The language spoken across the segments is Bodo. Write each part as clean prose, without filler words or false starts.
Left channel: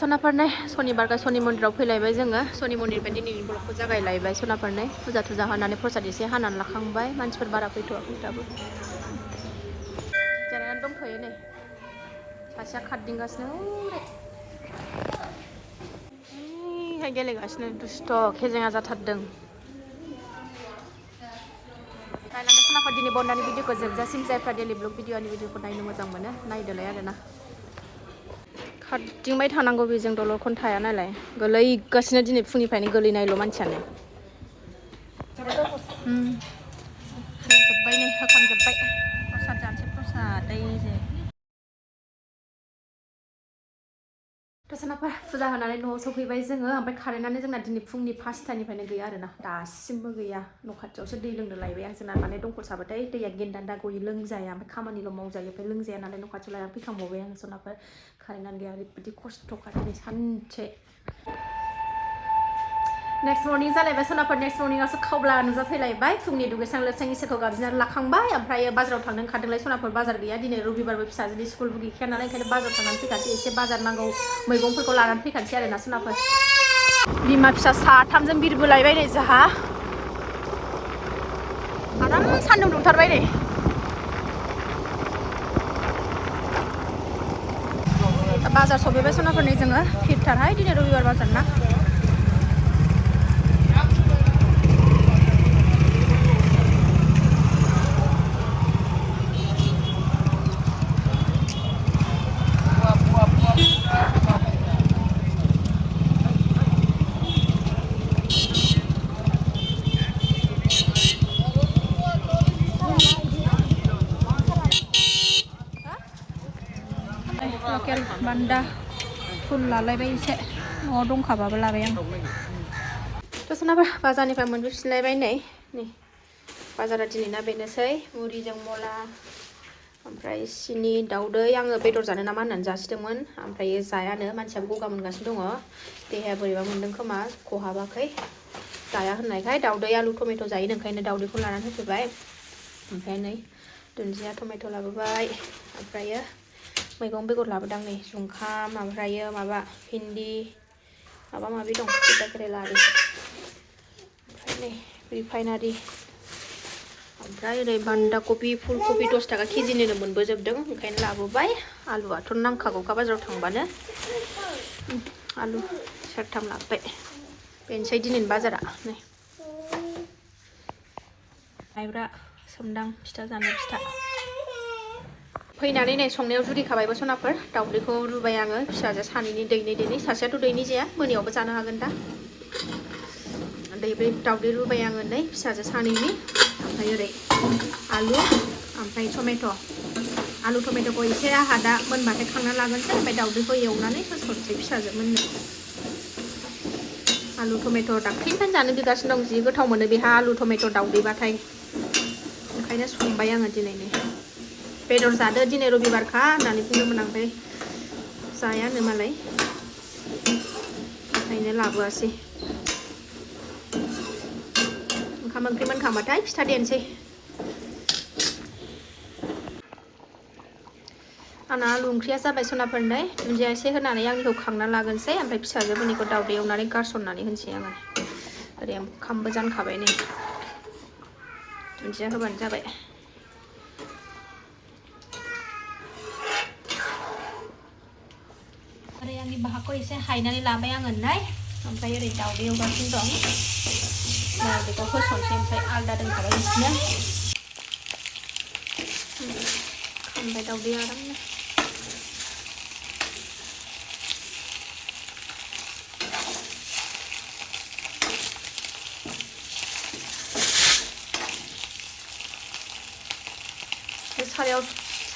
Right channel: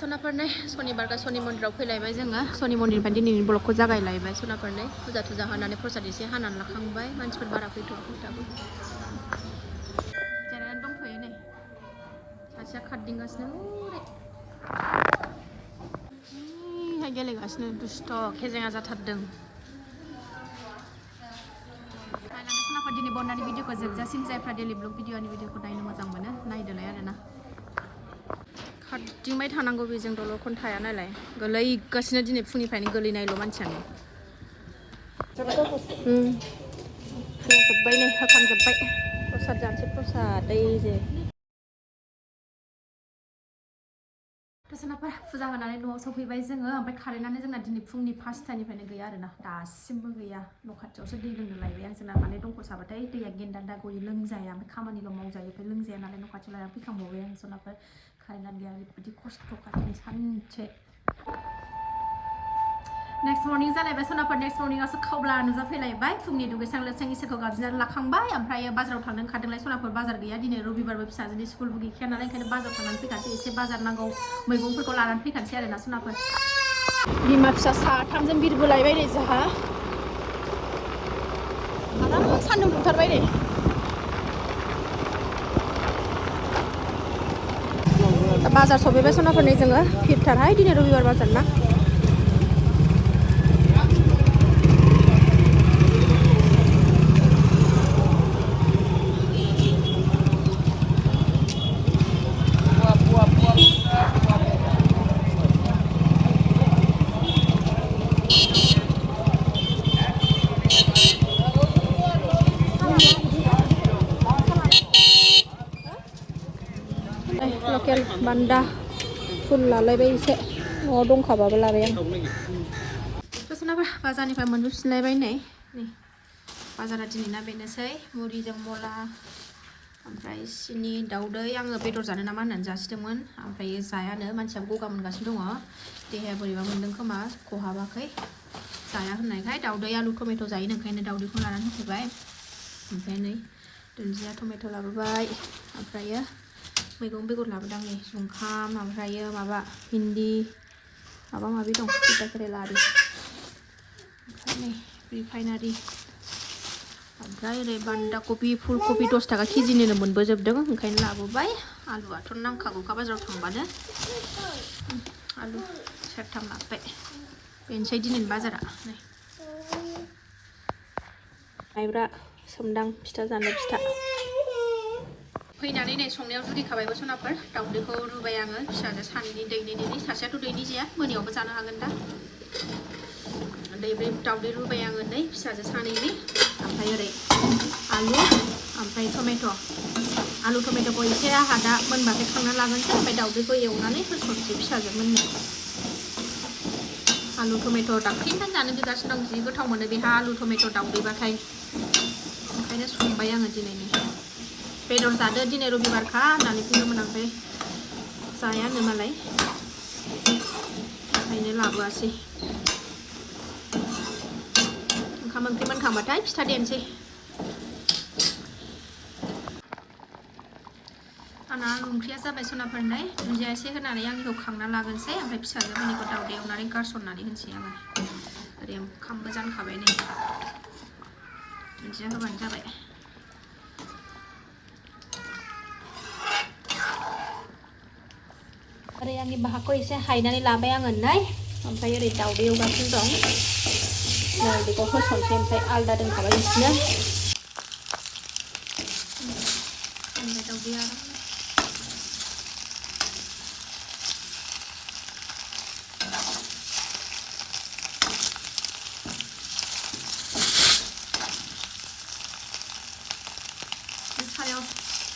सोनाफोरनाय शनिबारका शनि मन्दिराव फैलायबाय जोङो शनि मन्दिरनिफ्राय दिनैनि ब्लगखौ जागायलायबाय सोनाफोरनाय फुजा थुजा होनानै प्रसाद एसे हानानै लाखांबाय मानसिफोर बारा फैथ'वाखै दाबो जिरायनानै दंथ'यो नै सासेया खारदिंगासिनो ओइहाय गेलेगासिनो दुस्थ' खेजेङा जाथारदों नायलांदो सोनाफोर दिनै बन्दानि भिडिअखौ जोबजासिम जायफ्रा डेलि ब्लग भिडिअनि भिडिअखौ नायनो मोजां मोनो नायदोलाय आरोना खारदिंबाय थानांगौ बेजों दलरखौनो थाया नालाय गोलैगासिनो दिनै फुंनिफ्रायनो गोलैनायल' मानसियानो जोब्बाय नै होखांजोब्बाय प्रसाद जानोसै प्रसाद ओइजे सोनाफोर फुजा होनानै न'आव सफैबाय जोङो ओमफ्राय कारेन्टआनो जोंना दिनै फुंनि 5टानिफ्रायनो गैया आरोना दासिमबो गैया न' खाथियावसो दै लोंनो लायबाय आं जोंना माने दंखल साबाथाय दैया गेन्दान्दा गयो लोंजाया ओमफ्राय खामानिल' मावजायो ओमफ्राय लोंजाया नालाय न' खाथियाव लायनानै फैखांबावबाय आं सोनाफोर कारेन्टआनो गैया ओरैबायदि खस्थ'खा दिनै सानसे नेक्स्ट मर्निं जालायबाय सोनाफोर नेक्स्ट मर्निंआवसो खावब्ला नुजाफैलायबाय फुंनि दुगैस्रां लोबस्रां इसोरखौ गाबज्रिनानै लाखांबाय ओमफ्राय बाजाराव थांनो ओंखारदोंलाय सोनाफोर बाजार गैया दिनै रबिबारबो फिसाजोनि स्कुलबो गैखाया नालाय ओंखायनो बाजाराव थांनानै फैखानोसै एसे बाजार नांगौ मैगंफोरखौ लानानै फैखानोसै आरोना सोनाफोर बिमा फिसा साथामजों बिरबोलायबाय नै जोंहा आराम सान्दुं दुंथारबाय नै बाजार सफैबाय सोनाफोर नै जोङो भिरथारहाय दिनै रबिबार बाजार ना लकेल बान्दा फुल लालायबाय एसे न'आव दंखाबाबो लाबाय आं सोनाफोर बाजारनिफ्राय मोनबोफिनलायबाय नै बाजारा दिनैना बेनोसै मुरिजों मला ओमफ्राय सिनि दाउदै आङो बेदर जानो नामा होननानै जासिदोंमोन ओमफ्राय जायानो मानसियाबो गगा मोनगासिनो दङ देहाया बोरैबा मोनदों खोमा खहाबाखै जाया होननायखाय दाउदै आलु टमेट' जायो ओंखायनो दाउदैखौ लानानै होफैबाय ओमफ्राय नै दुन्दिया टमेट' लाबोबाय ओमफ्रायो मैगं बेगर लाबोदां नै जुंखाम ओमफ्रायो माबा भिन्दि माबा माबि दं तिता केरेला आरि ओमफ्राय नै रिफाइनारि ओमफ्राय ओरै बान्दा कबि फुल कबि 10 थाखा केजिनिनो मोनबोजोबदों ओंखायनो लाबोबाय आलुआथ' नांखागौखा बाजाराव थांबानो आलु सेरथाम लाबोबाय बेनोसै दिनैनि बाजारा नै माइब्रा सोमदां फिथा जानो फिथा फैनानै नै संनायाव जुरिखाबायबो सनाफोर दाउदैखौ रुबाय आङो फिसाजो सानैनि दैनै सासेयाथ' दैनै जाया मोनायावबो जानो हागोन दा दाउदै रुबाय आङो नै फिसाजो सानैनि ओमफ्राय ओरै आलु ओमफ्राय टमेट' आलु टमेट'खौ एसे आहा दा मोनबाथाय खांना लागोनसै ओमफ्राय दाउदैखौ एवनानै होसनसै फिसाजो मोननो आलु टमेट' दाख्लैनिफ्रायनो जानो बिगासिनो दं जि गोथाव मोनो बेहा आलु टमेट' दाउदैबाथाय ओंखायनो संबाय आङो दिनैनो बेदर जादो दिनै रबिबारखा होननानै बुंदोंमोन आं ओमफ्राय जायानो मालाय ओंखायनो लाबोआसै ओंखाम ओंख्रि मोनखांबाथाय फिथा देनोसै आंना आलु ओंख्रिया जाबाय सनाफोरनाय दुन्दिया एसे होनानै आंनिखौ खांना लागोनसै ओमफ्राय फिसाजो मोननिखौ दाउदै एवनानै गारसननानै होनोसै आङो ओरै ओंखामबो जानखाबाय नै दुन्दिया होबानो जाबाय ओरै आंनि बाहाखौ एसे हायनानै लाबाय आङो नै ओमफ्राय ओरै दाउदै एवगासिनो दं दाउदैखौ होसनसै ओमफ्राय आलदा दोनखांगासिनो खामबाय दाउदैया आरामनो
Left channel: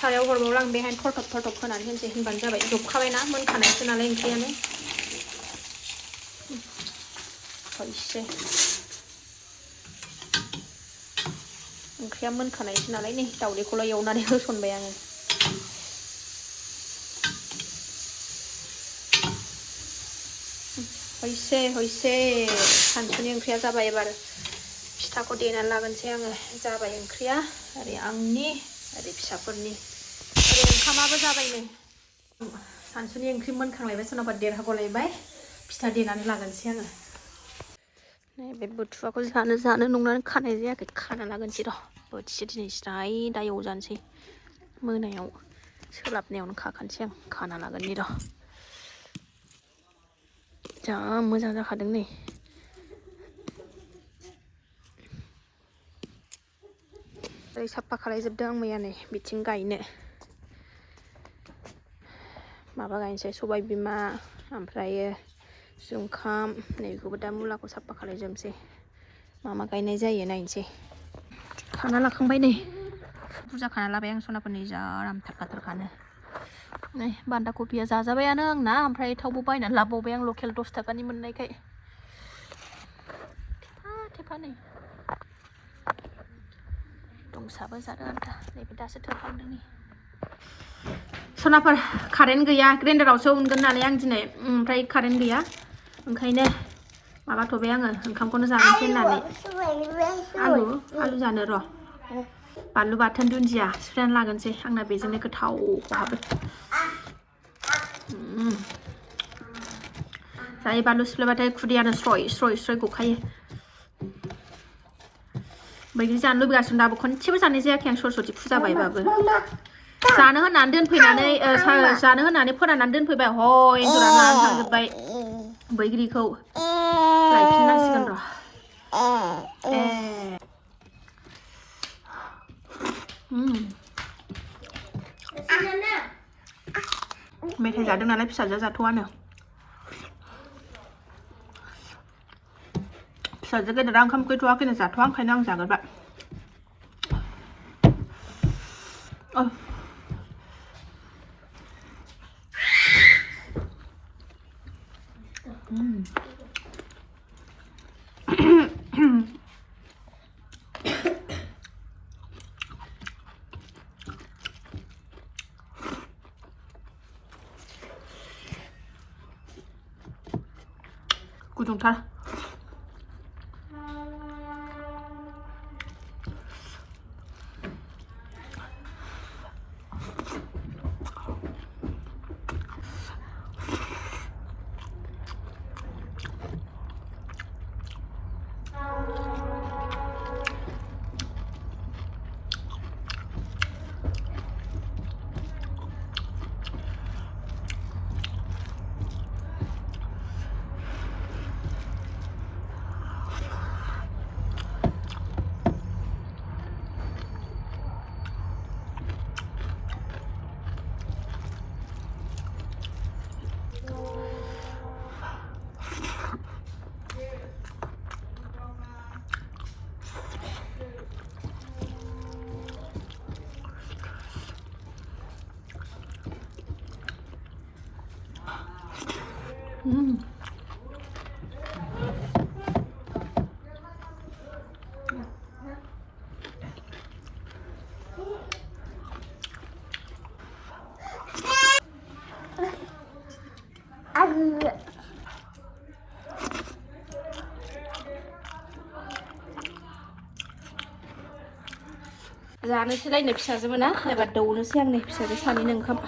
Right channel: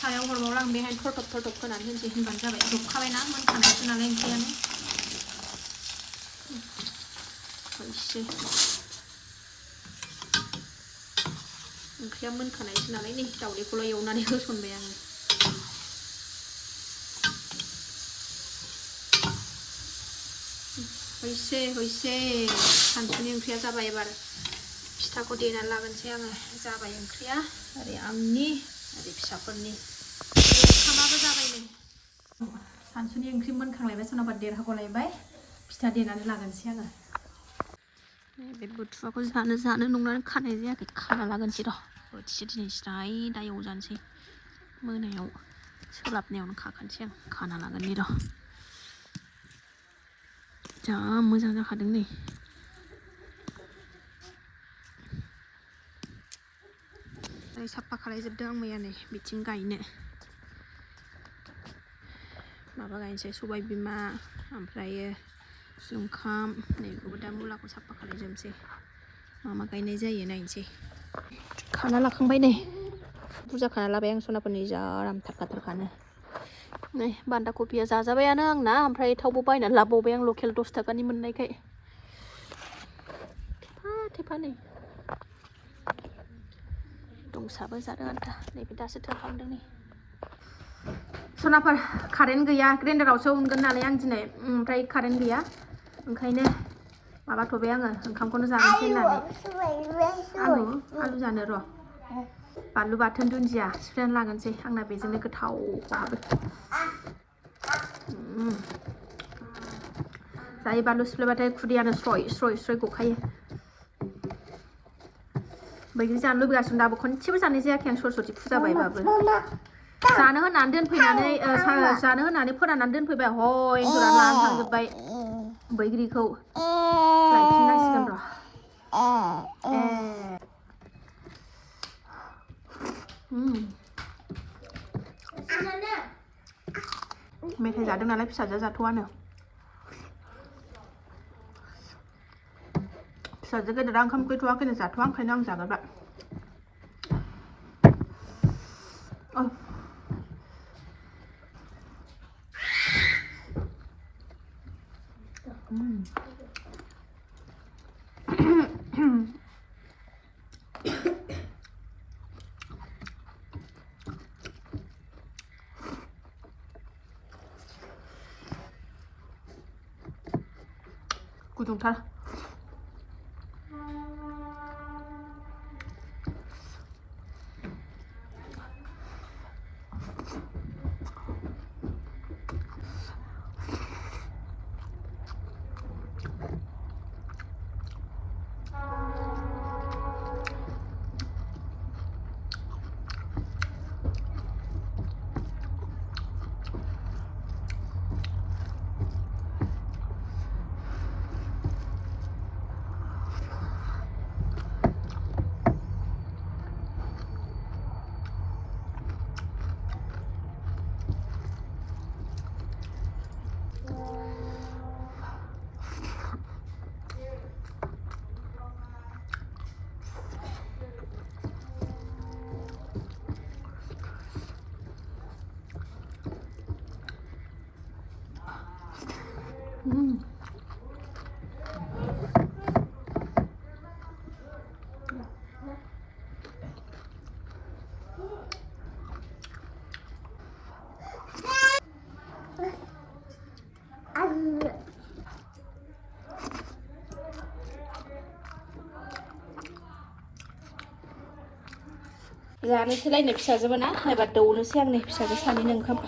सारायाव हरबावला आं बेहाय थरथब होनानै होनसै होनबानो जाबाय जबखाबायना मोनखानायसो नालाय ओंख्रियानो एसे ओंख्रिया मोनखानायसो नालाय नै दाउदैखौल' एवनानै होसनबाय आङो हयसे सानसुनि ओंख्रिया जाबाय एबार फिथाखौ देनानै लागोनसै आङो जाबाय ओंख्रिया ओरै आंनि ओरै फिसाफोरनि ओरै ओंखामाबो जाबाय नै सानसुनि ओंख्रि मोनखांलायबाय सोरनाबा देरहागलायबाय फिथा देनानै लागोनसै आङो नैबे बुथुवाखौ जानो नंनानै खानाय जायाखै खाना लागोनसै र' बोथिसे दिनै स्राय दा एवजानोसै मोनायाव सोलाबनायावनो खाखानोसै आं खाना लागोननि र' जा मोजां जाखादों नै ओरै साफा खालायजोबदों आं मैया नै बिथिं गायनो माबा गायनोसै सबाय बिमा ओमफ्रायो जुंखाम नैखौबो दा मुलाखौ साफा खालायजोबनोसै मा गायनाय जायो नायनोसै खाना लाखांबाय नै बुरजा खाना लाबाय आं सनाफोरनि जा आरामथारखानो नै बान्दा कबिया जाजाबायानो आंना ओमफ्राय थावबो बायनानै लाबावबाय आं लकेल 10 थाखानि मोननायखाय थेफा नै दंसाबो जादों आरो नैबे दासो थांखांदों नै सनाफोर कारेन्ट गैया ग्राइन्डारावसो उनगोन नालाय आं दिनै ओमफ्राय कारेन्ट गैया ओंखायनो माबाथ'बाय आङो ओंखामखौनो जानोसै होननानै आलु जानो र' बानलु बाथोन दुन्दिया सिफ्लेना लागोनसै आंना बेजोंनो गोथाव खहाबो जायो बानलु सिफ्लेबाथाय खुदैयानो स्रय गखायो बैग्रि जानो लुबैगासिनो दाबो खनसेबो जानाय जायाखै आं सरस्वती फुजा बायबाबो जानो होननानै दोनफैनानै जानो होननानै फोराननानै दोनफैबाय एन्जरा जानानै थांजोब्बाय बैग्रिखौ लायफिननांसिगोन र' मेथाइ जादों नालाय फिसाजोआ जाथ'वानो फिसाजो गेदेरा ओंखाम गैथ'वाखैनो जाथ'वा ओंखायनो आं जागोरबाय गुदुंथार जानोसैलायनो फिसाजोबो ना एबार दौनोसै आंनि फिसाजो सानैनो ओंखाम